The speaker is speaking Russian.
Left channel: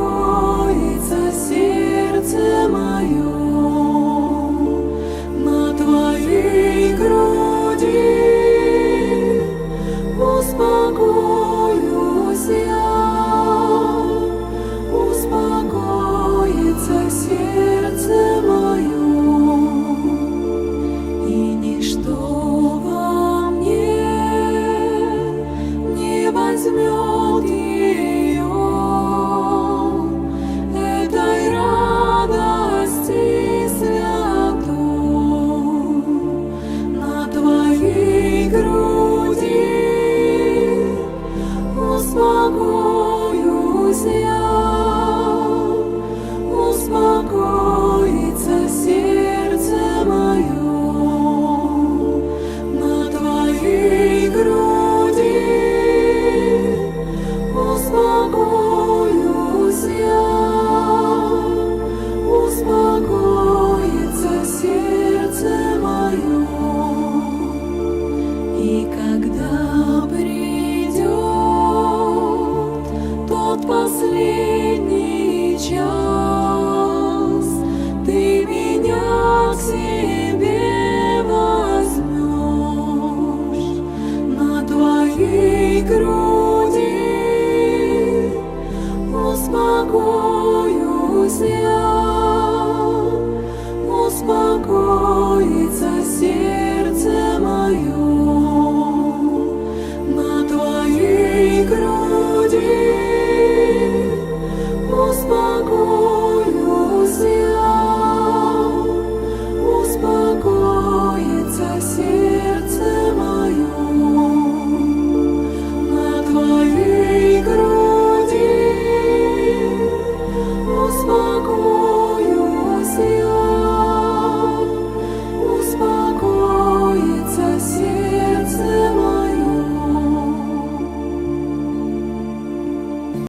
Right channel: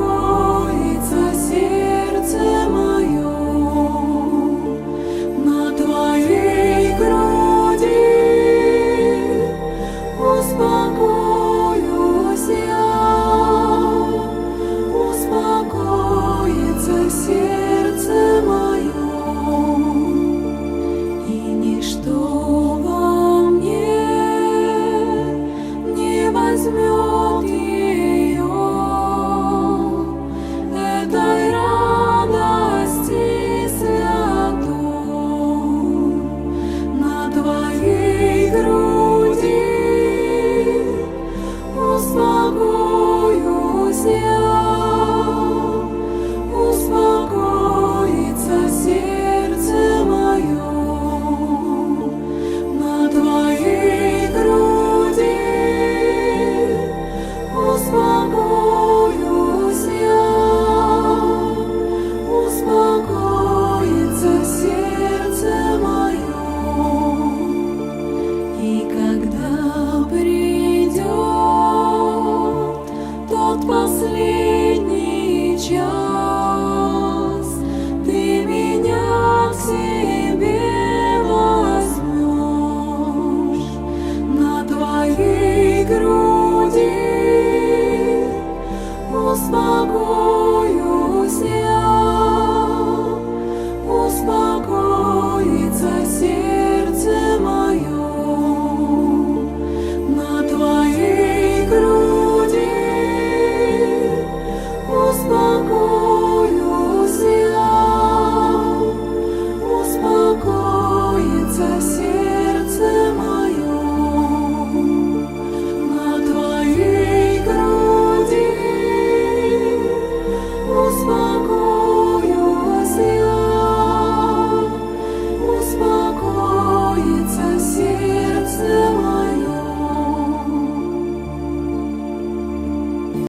успокоится сердце мое на Твоей груди. Успокоюсь я, успокоится сердце мое, и ничто во мне не возьмет ее, этой радости святой на Твоей груди. Успокоюсь я, успокоится сердце мое на Твоей груди. Успокоюсь я, успокоится сердце мое, и когда придет тот последний час, Ты меня к себе возьмешь на Твоей груди. Успокоюсь я, успокоится сердце мое